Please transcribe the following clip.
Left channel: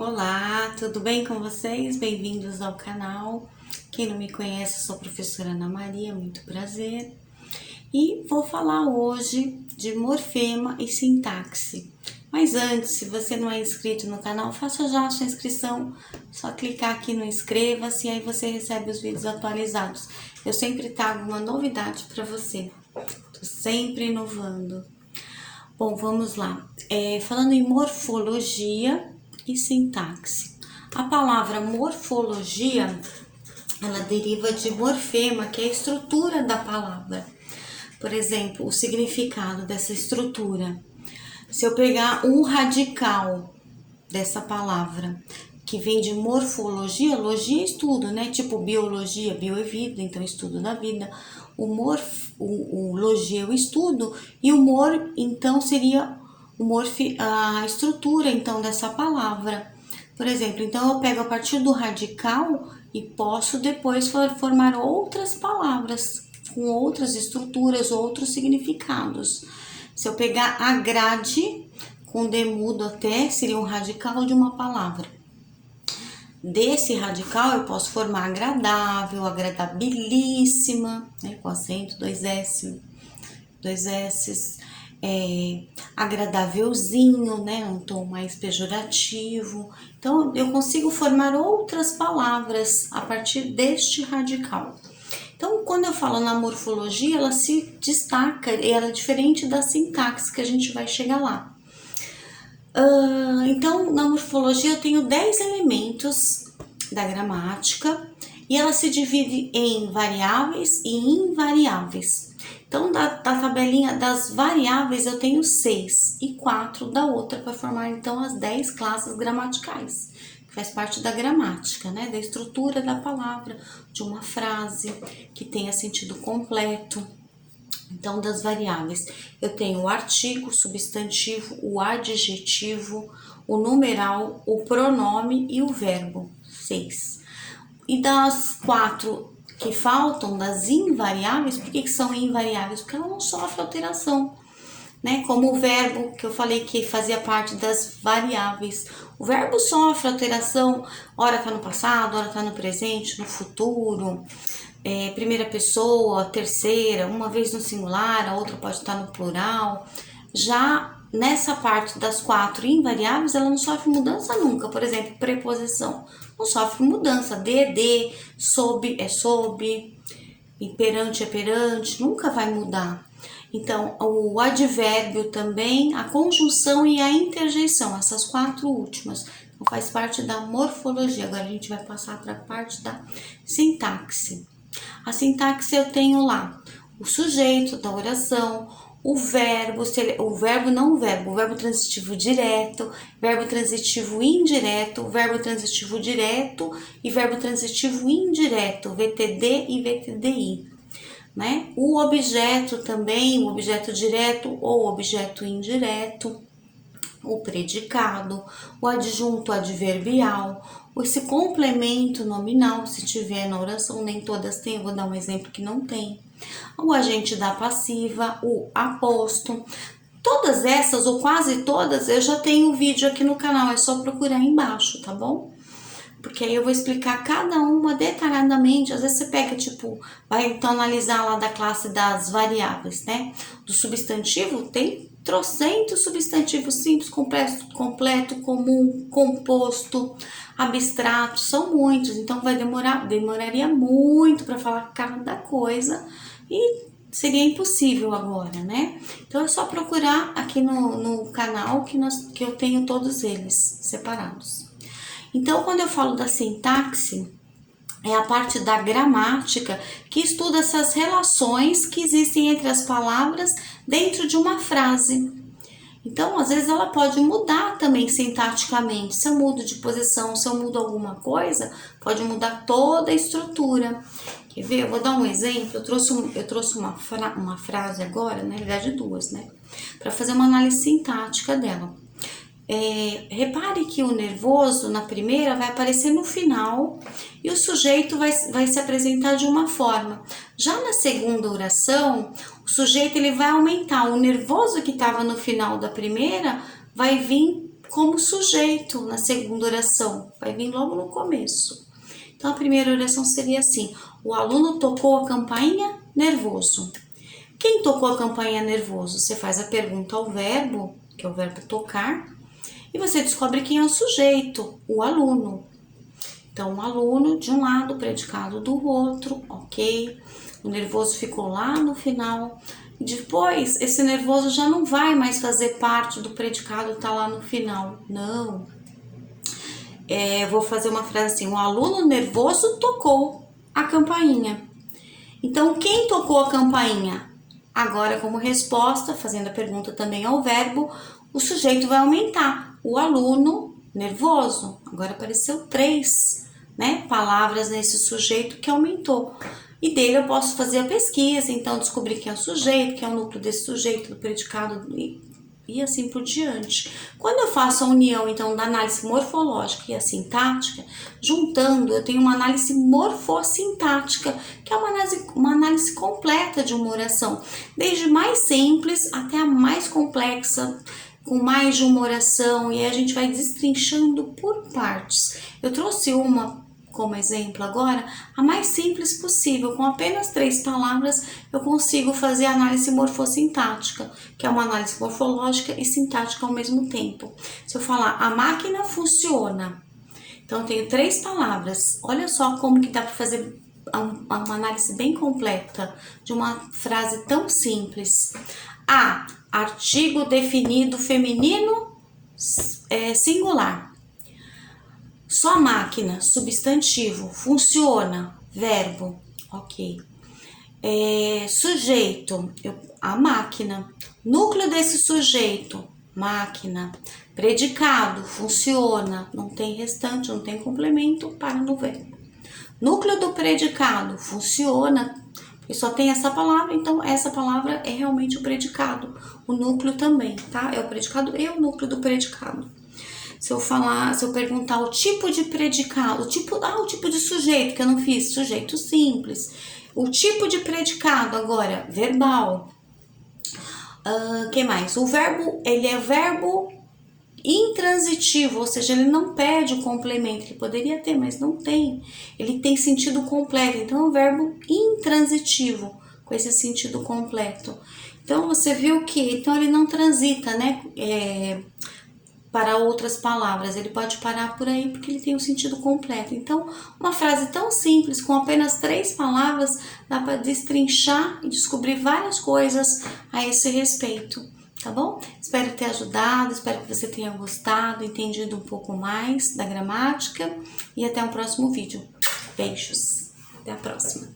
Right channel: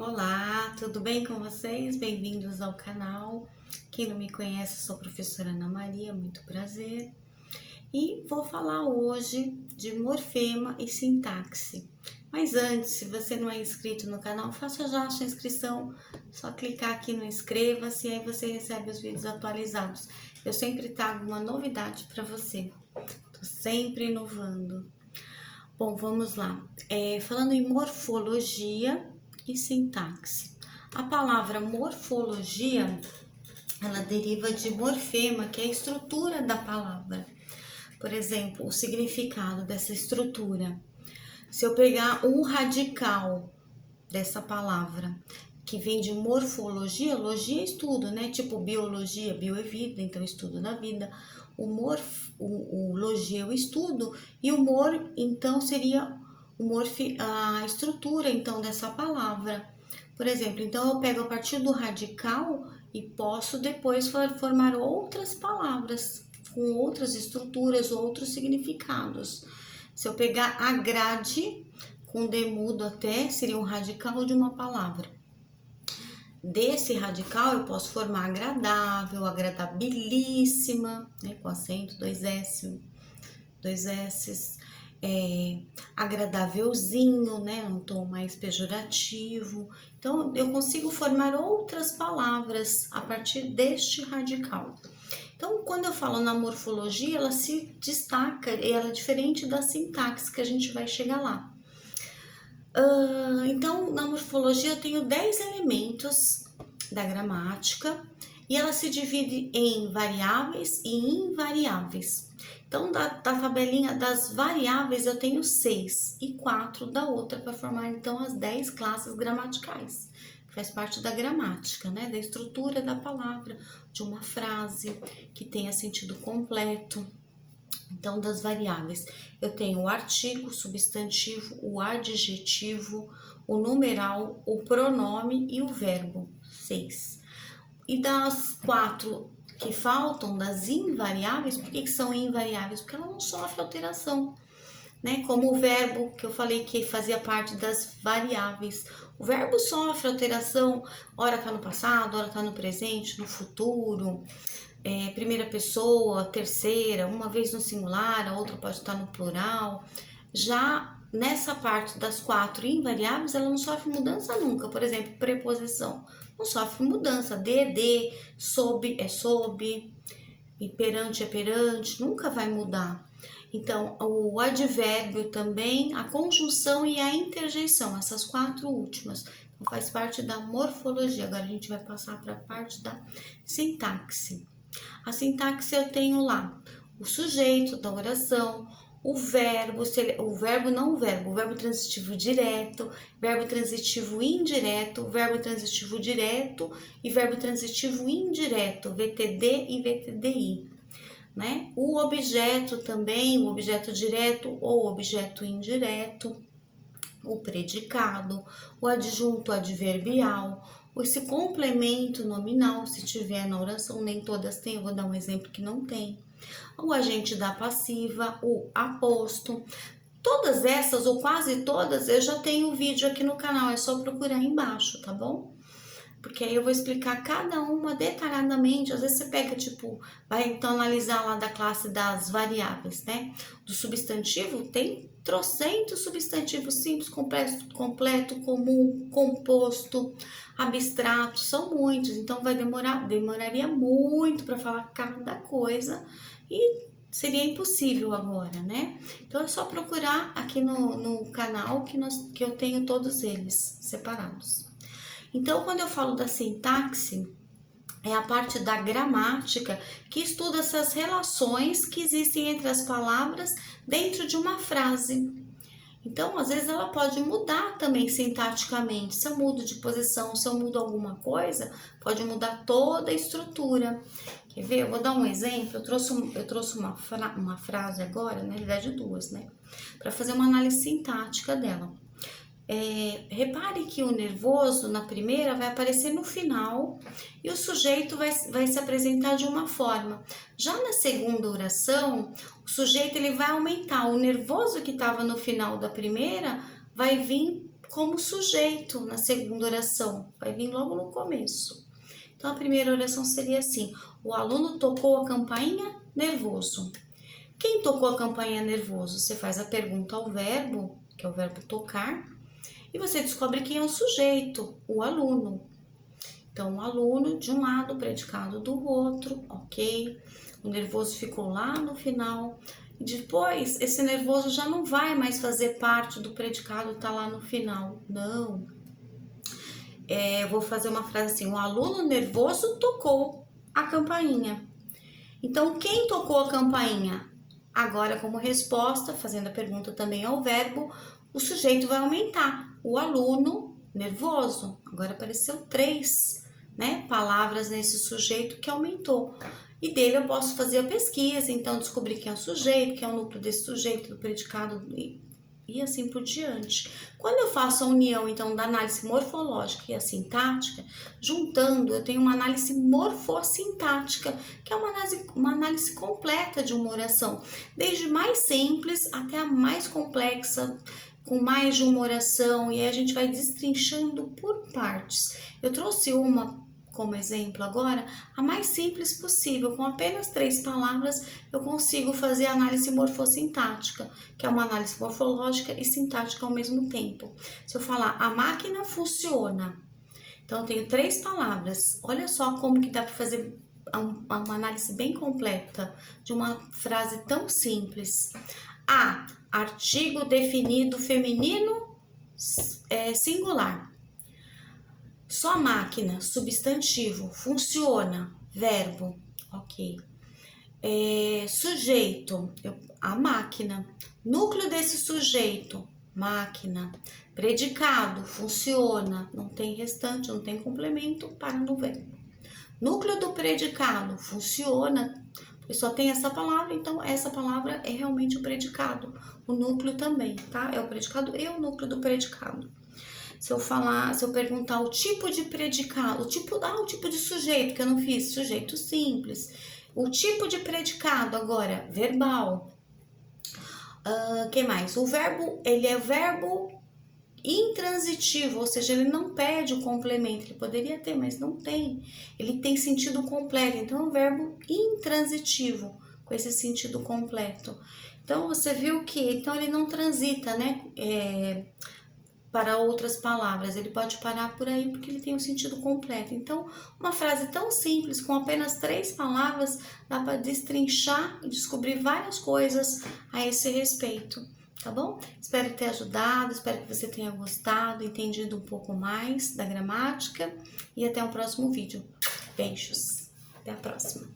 Olá, tudo bem com vocês? Bem-vindos ao canal. Quem não me conhece, eu sou a professora Ana Maria, muito prazer. E vou falar hoje de morfema e sintaxe. Mas antes, se você não é inscrito no canal, faça já a sua inscrição. Só clicar aqui no inscreva-se e aí você recebe os vídeos atualizados. Eu sempre trago uma novidade para você. Tô sempre inovando. Bom, vamos lá. Falando em morfologia e sintaxe. A palavra morfologia, ela deriva de morfema, que é a estrutura da palavra. Por exemplo, o significado dessa estrutura. Se eu pegar um radical dessa palavra, que vem de morfologia, logia é estudo, né? Tipo biologia, bio é vida, então estudo da vida. O logia é o estudo, e o mor, então, seria a estrutura, então, dessa palavra. Por exemplo, então eu pego a partir do radical e posso depois formar outras palavras com outras estruturas, outros significados. Se eu pegar a grade, com D mudo até, seria um radical de uma palavra. Desse radical eu posso formar agradável, agradabilíssima, né, com acento, dois S's, agradávelzinho, né, um tom mais pejorativo. Então, eu consigo formar outras palavras a partir deste radical. Então, quando eu falo na morfologia, ela se destaca, e ela é diferente da sintaxe, que a gente vai chegar lá. Então, na morfologia eu tenho 10 elementos da gramática e ela se divide em variáveis e invariáveis. Então, da tabelinha das variáveis eu tenho 6 e 4 da outra para formar então as 10 classes gramaticais, que faz parte da gramática, né? Da estrutura da palavra, de uma frase que tenha sentido completo. Então, das variáveis, eu tenho o artigo, o substantivo, o adjetivo, o numeral, o pronome e o verbo, 6. E das 4 que faltam, das invariáveis, por que são invariáveis? Porque ela não sofre alteração, né? Como o verbo, que eu falei que fazia parte das variáveis. O verbo sofre alteração, ora tá no passado, ora tá no presente, no futuro. Primeira pessoa, terceira, uma vez no singular, a outra pode estar no plural. Já nessa parte das 4 invariáveis, ela não sofre mudança nunca. Por exemplo, preposição não sofre mudança. De, sob é sob, e perante é perante, nunca vai mudar. Então, o advérbio também, a conjunção e a interjeição, essas 4 últimas, então faz parte da morfologia. Agora a gente vai passar para a parte da sintaxe. A sintaxe eu tenho lá o sujeito da oração, o verbo transitivo direto, verbo transitivo indireto, verbo transitivo direto e verbo transitivo indireto, VTD e VTDI, né? O objeto também, o objeto direto ou objeto indireto, o predicado, o adjunto adverbial, esse complemento nominal, se tiver na oração, nem todas têm, eu vou dar um exemplo que não tem. O agente da passiva, o aposto. Todas essas, ou quase todas, eu já tenho vídeo aqui no canal, é só procurar embaixo, tá bom? Porque aí eu vou explicar cada uma detalhadamente. Às vezes você pega, vai então analisar lá da classe das variáveis, né? Do substantivo, tem trocentos substantivos simples, completo, comum, composto, abstrato, são muitos. Então demoraria muito para falar cada coisa e seria impossível agora, né? Então é só procurar aqui no canal que eu tenho todos eles separados. Então, quando eu falo da sintaxe, é a parte da gramática que estuda essas relações que existem entre as palavras dentro de uma frase. Então, às vezes ela pode mudar também sintaticamente. Se eu mudo de posição, se eu mudo alguma coisa, pode mudar toda a estrutura. Quer ver? Eu vou dar um exemplo. Eu trouxe uma frase agora, na verdade 2, né? Para fazer uma análise sintática dela. Repare que o nervoso na primeira vai aparecer no final e o sujeito vai se apresentar de uma forma. Já na segunda oração, o sujeito ele vai aumentar. O nervoso que estava no final da primeira vai vir como sujeito na segunda oração, vai vir logo no começo. Então, a primeira oração seria assim: o aluno tocou a campainha nervoso. Quem tocou a campainha nervoso? Você faz a pergunta ao verbo, que é o verbo tocar, e você descobre quem é o sujeito, o aluno. Então, o aluno de um lado, o predicado do outro, ok? O nervoso ficou lá no final. E depois, esse nervoso já não vai mais fazer parte do predicado, tá lá no final. Não. Vou fazer uma frase assim: o aluno nervoso tocou a campainha. Então, quem tocou a campainha? Agora, como resposta, fazendo a pergunta também ao verbo, o sujeito vai aumentar. O aluno nervoso. Agora apareceu 3, né, palavras nesse sujeito que aumentou. E dele eu posso fazer a pesquisa, então descobrir quem é o sujeito, quem é o núcleo desse sujeito, do predicado e assim por diante. Quando eu faço a união, então, da análise morfológica e a sintática, juntando, eu tenho uma análise morfossintática, que é uma análise completa de uma oração, desde mais simples até a mais complexa, com mais de uma oração, e aí a gente vai destrinchando por partes. Eu trouxe uma como exemplo agora, a mais simples possível, com apenas 3 palavras eu consigo fazer a análise morfossintática, que é uma análise morfológica e sintática ao mesmo tempo. Se eu falar, a máquina funciona, então eu tenho 3 palavras, olha só como que dá para fazer uma análise bem completa de uma frase tão simples. A, artigo definido feminino singular. Só máquina, substantivo, funciona, verbo, ok. Sujeito, a máquina. Núcleo desse sujeito, máquina. Predicado, funciona, não tem restante, não tem complemento, para no verbo. Núcleo do predicado, funciona, porque só tem essa palavra, então essa palavra é realmente o predicado. O núcleo também, tá? É o predicado e o núcleo do predicado. Se eu perguntar o tipo de predicado, o tipo de sujeito, que eu não fiz, sujeito simples. O tipo de predicado agora, verbal. Que mais? O verbo, ele é verbo intransitivo, ou seja, ele não perde o complemento. Ele poderia ter, mas não tem. Ele tem sentido completo, então é um verbo intransitivo, com esse sentido completo. Então, você viu que então ele não transita, né? Para outras palavras, ele pode parar por aí porque ele tem um sentido completo. Então, uma frase tão simples, com apenas 3 palavras, dá para destrinchar e descobrir várias coisas a esse respeito, tá bom? Espero ter ajudado, espero que você tenha gostado, entendido um pouco mais da gramática e até o próximo vídeo. Beijos, até a próxima!